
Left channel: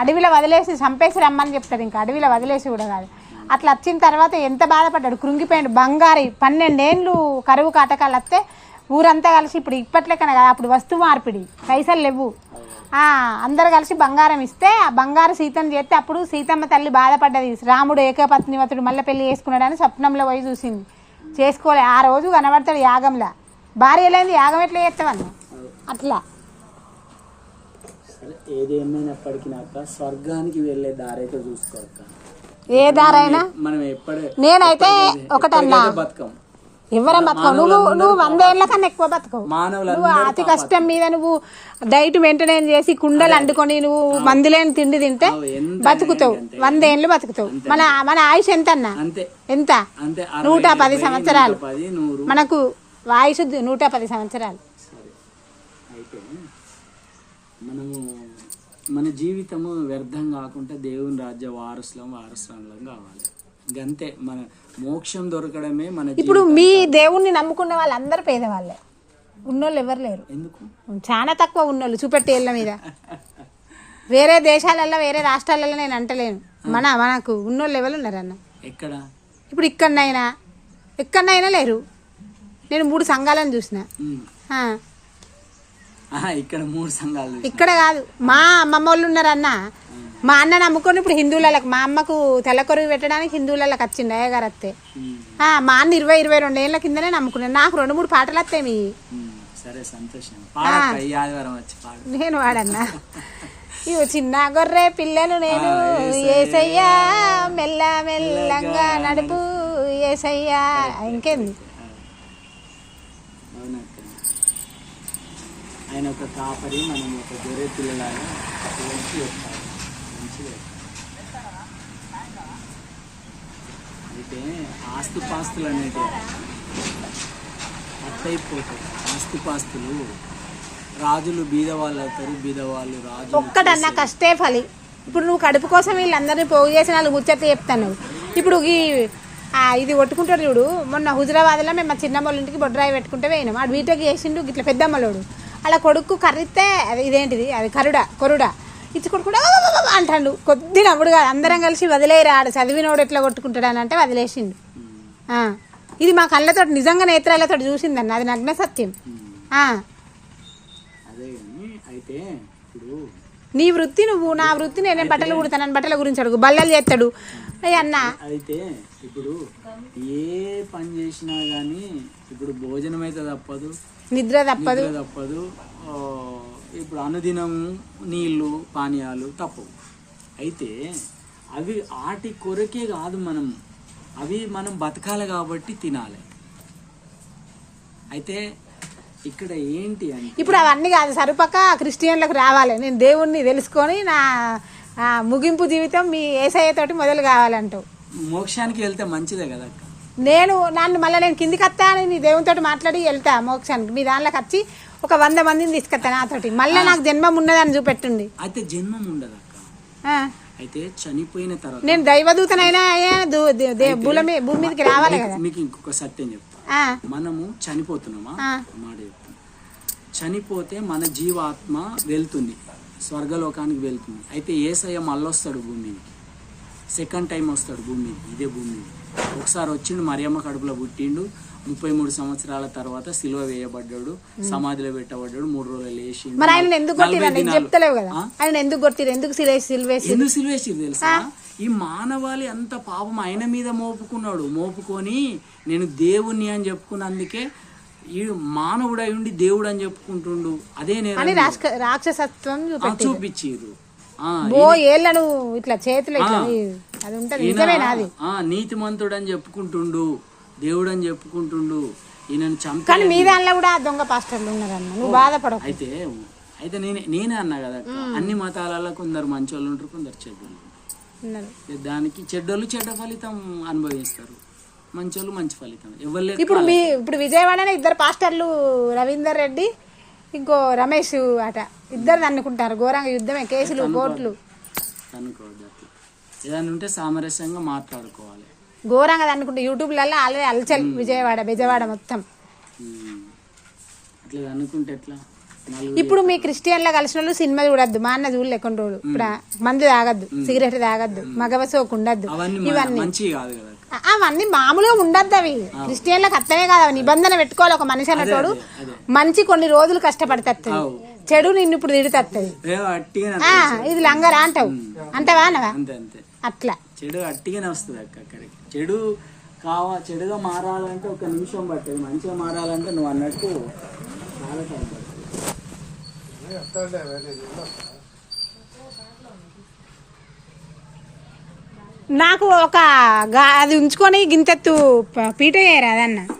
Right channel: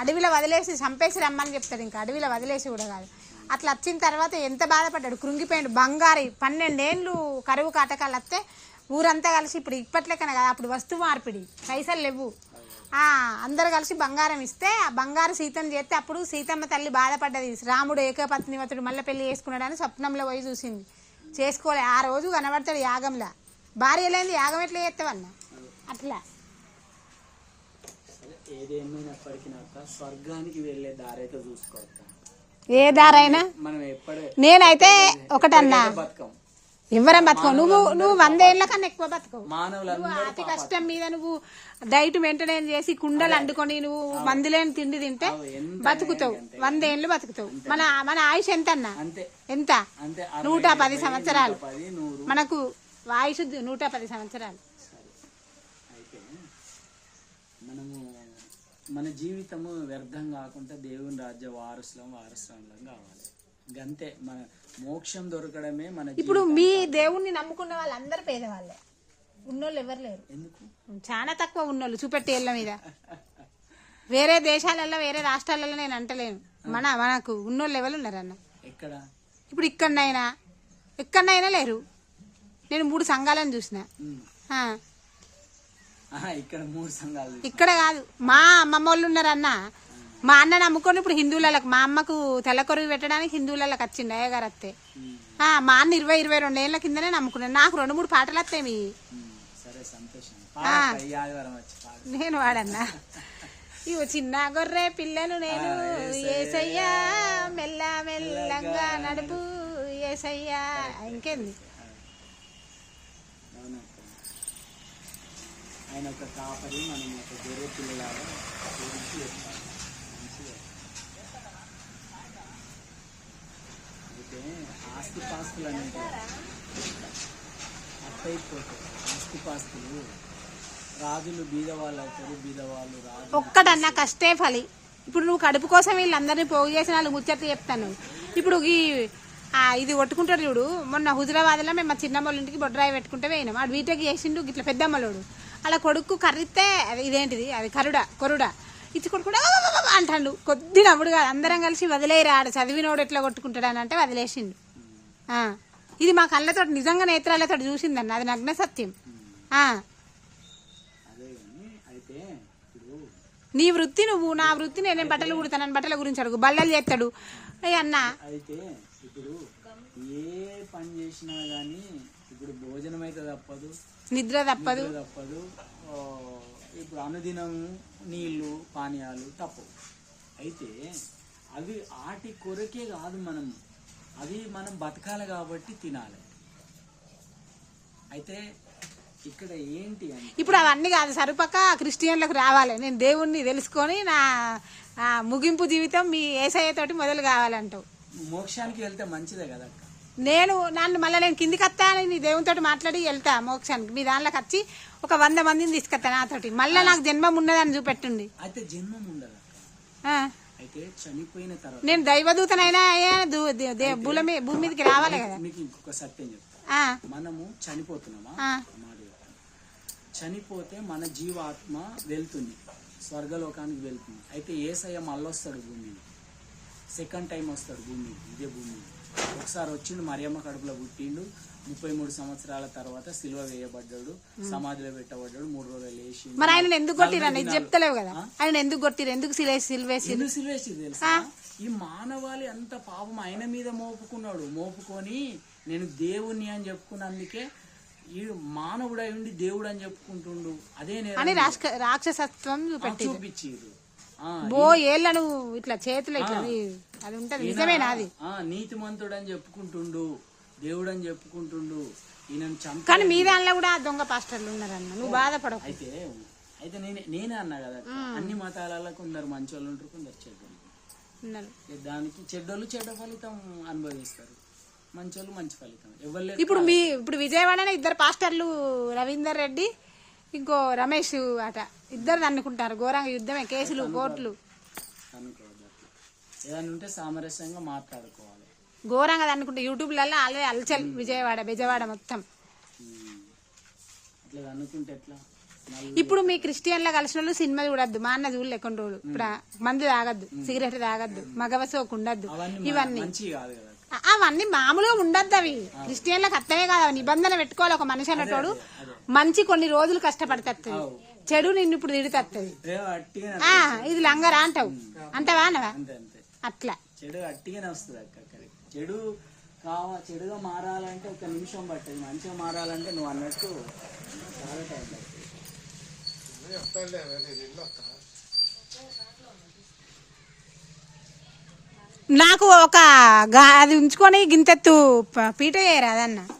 అడవిలో వదిలేసి చంపేసి రమ్మని చెప్తాడు. ఇంకా అడవిలో వదిలేసి కూడా కాదు, అట్లా వచ్చిన తర్వాత ఎంత బాధపడ్డాడు, కృంగిపోయాడు. బంగారి 12 ఏళ్ళు కరువు కాటకాలు వస్తే ఊరంతా కలిసి, ఇప్పుడు ఇప్పట్లేకనే కదా, అప్పుడు వస్తు మార్పిడి, పైసలు లేవు, అందరు కలిసి బంగారం ఇస్తే ఆ బంగారు సీతను చేస్తే అప్పుడు సీతమ్మ తల్లి బాధపడ్డది. రాముడు ఏకపత్నివతుడు మళ్ళీ పెళ్లి చేసుకున్నాడని స్వప్నంలో పోయి చూసింది, చేసుకోలే. ఆ రోజు కనబడతాడు యాగంలో. భార్య లేని యాగం ఎట్లా చేస్తావన్న. అట్లా ఏదేమైనప్పటికీ నాక స్వర్గానికి వెళ్ళే దారైతే చూసుకోక, ఏ దారైనా మనం నేనైతే ఒకటన్నా బతుకం, ఎవరం బతకవు. నువ్వు 100 ఏళ్ల కన్నా ఎక్కువ బతకవు. నువ్వు అతి కష్టం మీద నువ్వు డైట్ మెయింటైన్ చేసి కుండలు అండుకొని నువ్వు మందులేని తిండి తింటే బతుకుతావు, 100 ఏళ్ళు బతుకుతావు. మన ఆయుష్ ఎంత అన్నా, ఎంత 110 సంవత్సరాలు. మనకు ఆయుష్ 110 సంవత్సరాలు. మన జీవితము వ్యర్థం కాకుండా దేవుని రాజ్య వారసులం కావాలి. గంతే, మన మోక్షం దొరకడమే మన. ఇప్పుడు మీ దేవుణ్ణి నమ్ముకున్న వాళ్ళందరూ పేదవాళ్ళే, ఉన్నోళ్ళు ఎవరు లేరు. ఎందుకు? చాలా తక్కువ ఉన్నోళ్ళు, చూపెట్టి ఏళ్ళ మీద వేరే దేశాలలో వేరే రాష్ట్రాలలో నేను అంటలేను, మనకు ఉన్నోళ్ళు ఎవరు ఉన్నారన్న ఎక్కడ? ఇప్పుడు ఎక్కడనైనా లేరు. నేను 3 సంఘాలను చూసిన. ఇక్కడ 3 సంఘాలు ఇక్కడ కాదు, మా అమ్మమ్మ వాళ్ళు ఉన్నారన్న. మా అన్న నమ్ముకొని ఇప్పుడు హిందువులకు, మా అమ్మకు తెల్లకొరుగు పెట్టడానికి హిందువులకు వచ్చింది అయ్యగారు వస్తే. మా అన్న 20-22 ఏళ్ల కిందనే నమ్ముకున్నాను. నాకు 2-3 పాటలు వస్తాయి మీ. సరే సంతోషం, నేను వాడన్నా. ఇవి చిన్న గొర్రె పిల్లలు నేను ఏసయ్యా మెల్ల మెల్లంగా నడుపు ఏసయ్యా. ఇంకేంది? ఆయన ఒక కాపరి, మనం ఒక గొర్రె పిల్లలాగా అయితే ఆస్తిపాస్తులు అనేవి అట్టయిపోతాయి. ఆస్తిపాస్తులు రాజులు బీదవాళ్ళు అవుతారు, బీదవాళ్ళు రాజు. ఒక్కటన్నా కష్టే ఫలి. ఇప్పుడు నువ్వు కడుపు కోసం వీళ్ళందరినీ పోగు చేసి 4 ముచ్చట్లు చెప్తాను. ఇప్పుడు ఇది కొట్టుకుంటాడు చూడు. మొన్న హుజరాబాద్లో మేము మా చిన్నమ్మల ఇంటికి బొడ్రాయి పెట్టుకుంటే పోయినాం. వాడు బీటెక్ చేసిండు ఇట్లా పెద్దమ్మలోడు. అలా కొడుకు కర్రిస్తే అది ఇదేంటిది అది కొరుడా ఇచ్చి కొడుకుంటా అంటాడు. కొద్ది నవ్వుడుగా అందరం కలిసి వదిలేరా, ఆడ చదివినోడు ఎట్లా కొట్టుకుంటాడు అని అంటే వదిలేసిండు. ఇది మా కళ్ళతో నిజంగా నేత్రాలతో చూసిందన్న, అది నగ్న సత్యం. అయితే నీ వృత్తి నువ్వు, నా వృత్తి నేనేం బట్టలు కుడతానని బట్టల గురించి అడుగు, బల్లలు చేస్తాడు అన్న. అయితే ఇప్పుడు ఏ పని చేసినా గానీ ఇప్పుడు భోజనం అయితే తప్పదు, నిద్ర తప్పదు. ఇప్పుడు అనుదినం నీళ్లు పానీయాలు తప్పవు. అయితే అవి ఆటి కొరకే కాదు, అవి మనం బతకాలి కాబట్టి తినాలి. అయితే ఇక్కడ ఏంటి అంటే ఇప్పుడు అవన్నీ కాదు, సరిపక్క క్రిస్టియన్లకు రావాలి. నేను దేవుణ్ణి తెలుసుకొని నా ముగింపు జీవితం మీ యేసయ్యతోటి మొదలు కావాలంటావు. మోక్షానికి వెళ్తే మంచిదే కదా. నన్ను నేను కిందికి వస్తాను, నీ దేవునితో మాట్లాడి వెళ్తా మోక్షానికి. మీ దాంట్లోకి వచ్చి ఒక 100 మందిని తీసుకొస్తా నాతోటి. మళ్ళీ నాకు జన్మం ఉన్నదని చూపెట్టింది. అయితే జన్మం ఉండదు అక్క. అయితే చనిపోయిన తర్వాత నేను దైవదూతనైనా భూమి మీదకి రావాలి కదా. మీకు ఇంకొక సత్యం చెప్తా. మనము చనిపోతున్నామా, మాట చెప్తాం. చనిపోతే మన జీవాత్మ వెళ్తుంది, స్వర్గలోకానికి వెళ్తుంది. అయితే యేసయ్య మళ్ళొస్తాడు భూమికి, 2nd టైం వస్తాడు భూమికి, ఇదే భూమి. ఒకసారి వచ్చిండు, మరియమ్మ కడుపులో పుట్టిండు, 33 సంవత్సరాల తర్వాత సిలువ వేయబడ్డాడు, సమాధిలో పెట్టబడ్డాడు, 3 రోజులు లేచి. మరి ఆయన ఎందుకు చెప్తలేవు కదా, ఆయన ఎందుకు కొట్టిరు, ఎందుకు సిలువేసి తెలుసా? ఈ మానవాళి అంత పాపం ఆయన మీద మోపుకొని నేను దేవుణ్ణి అని చెప్పుకున్నందుకే ఈ మానవుడు అయి ఉండి దేవుడు అని చెప్పుకుంటుండు. అదే నేను రాక్షసత్వం చూపించారు. ఏళ్ళను ఇట్లా చేతులు అది ఉంటది, నిజమేనా? అది నీతిమంతుడు అని చెప్పుకుంటుండు, దేవుడు అని చెప్పుకుంటుండు. ఈయనను చంపి కానీ మీ దానిలో కూడా దొంగ పాస్టర్లు ఉన్నారన్న, నువ్వు బాధపడవు. అయితే నేనే అన్నా కదా, అన్ని మతాలలో కొందరు మంచోళ్ళు ఉంటారు, కొందరు చెడ్డోళ్ళు ఉన్నారు. దానికి చెడ్డోళ్ళు చెడ్డ ఫలితం అనుభవిస్తారు, మంచోళ్ళు మంచి ఫలితం. ఇప్పుడు విజయవాడనే 2 పాస్టర్లు, రవీందర్ రెడ్డి ఇంకో రమేష్ అట, 2 అనుకుంటారు. ఘోరంగా యుద్ధమే, కేసులు, కోర్టులు. ఏదైనా ఉంటే సామరస్యంగా మాట్లాడుకోవాలి. ఘోరంగా అనుకుంటే యూట్యూబ్లలో ఆల్రెడీ అల్చల్ బెజవాడ మొత్తం. అట్లా అనుకుంటే ఎట్లా? ఇప్పుడు మీ క్రిస్టియన్లో కలిసిన వాళ్ళు సినిమా చూడద్దు, మా అన్న చూడలే కొన్ని రోజులు. ఇప్పుడు మందు తాగద్దు, సిగరెట్ తాగద్దు, మగవ సోకు ఉండద్దు, అవన్నీ మామూలుగా ఉండద్దు. అవి క్రిస్టియన్లకు అర్థమే కాదు, నిబంధన పెట్టుకోవాలి. ఒక మనిషి అన్నతోడు మంచి కొన్ని రోజులు కష్టపడుతుంది, చెడు నిన్ను ఇప్పుడు తిడుతుంది. ఇది లంగరా అంటావు, అంటావా అనవా? అట్లా చెడు అట్టిగానే వస్తుంది అక్క. అక్కడికి చెడుగా మారాలంటే 1 నిమిషం పట్టదు, మంచిగా మారాలంటే నువ్వు అన్నట్టు చాలా టైం పడుతుంది. నాకు అది ఉంచుకొని గింతెత్తు పీట చేయరా అదన్న.